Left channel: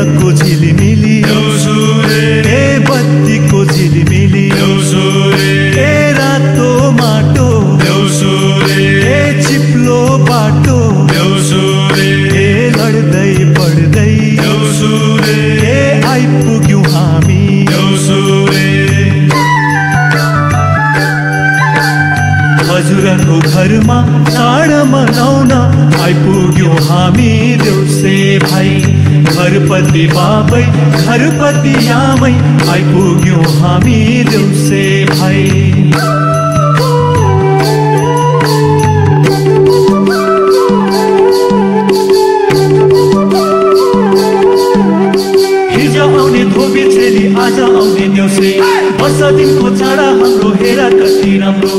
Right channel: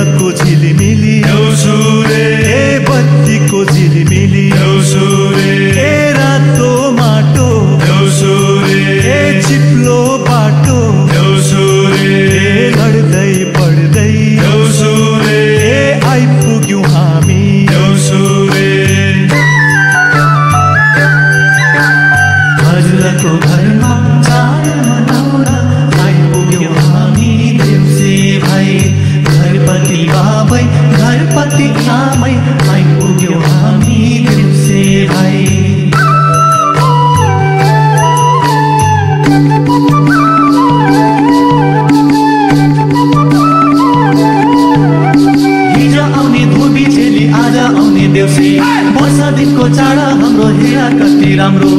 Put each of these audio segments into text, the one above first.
दिनको झिलिमिली ए बत्तीको झिलिमिली ए रातो माटो ए चिप्लो बाटो ए लड्दै पड्दै ए आइपुग्यौं हामी हजुरको घरमा चाड मनाउन आइपुग्यौं हामी देउसे भाइ घरपति बाबै घरपति आमै आइपुग्यौं हामी देउसे भाइ धोबी चेली आज आउने देउसे वर्ष दिनको चाड हाम्रो हेरा कति राम्रो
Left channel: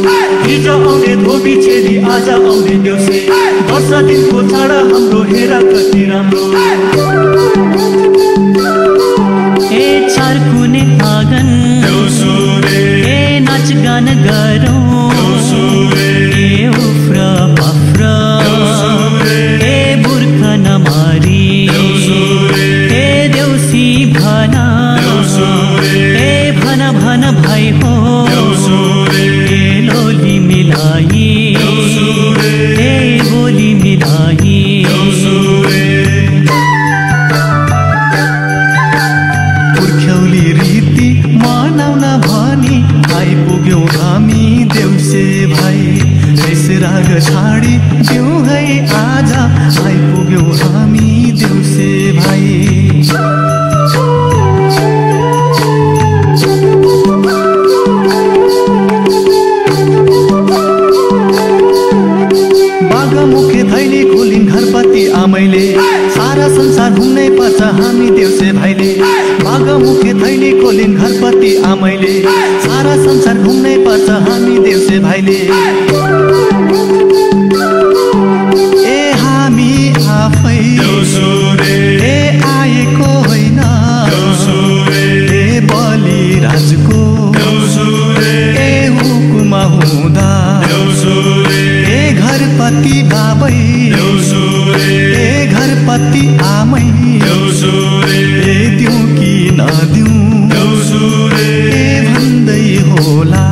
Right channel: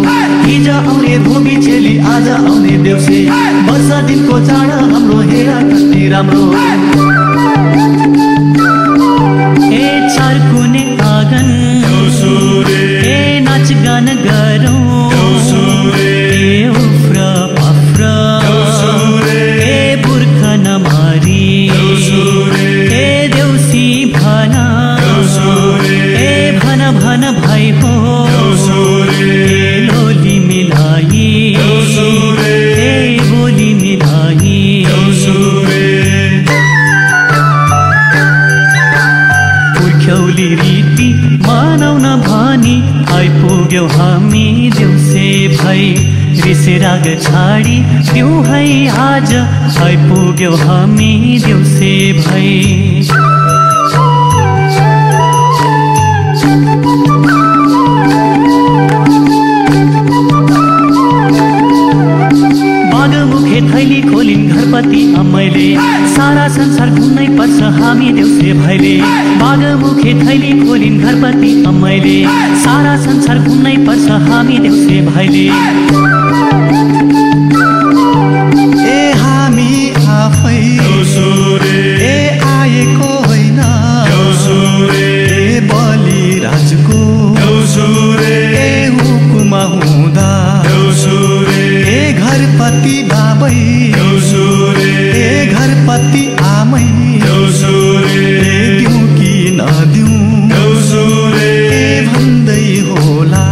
हिजो आउने धोबी चेली आज आउने देउसे वर्ष दिनको चाड हाम्रो हेरा कति राम्रो ए चारकुने आँगन ए नाच गान गरौँ ए उफ्र पफ्र ए बुर्खा नमारी ए देउसी भना ए भन भन भाइ हो ए लोली मिलाई ए बोली मिलाई पुर्ख्यौली रीति मनाउन भनी आइपुग्यौं हामी देउसे भाइ बेसेराग छाडी जिउ है आज आइपुग्यौं हामी देउसे भाइ बागमुखे थैली खोलिन् घरपति आमैले सारा संसार घुम्नै पर्छ हामी देउसे भाइले बागमुखे थैली खोलिन् घरपति आमैले सारा संसार घुम्नै पर्छ हामी देउसे भाइले ए हामी आफै ए आएको होइन ए बलि राजको ए हुकुमा हुँदा ए घरपति बाबै ए घरपति आमै ए दिउँ कि नदिउँ ए भन्दै होला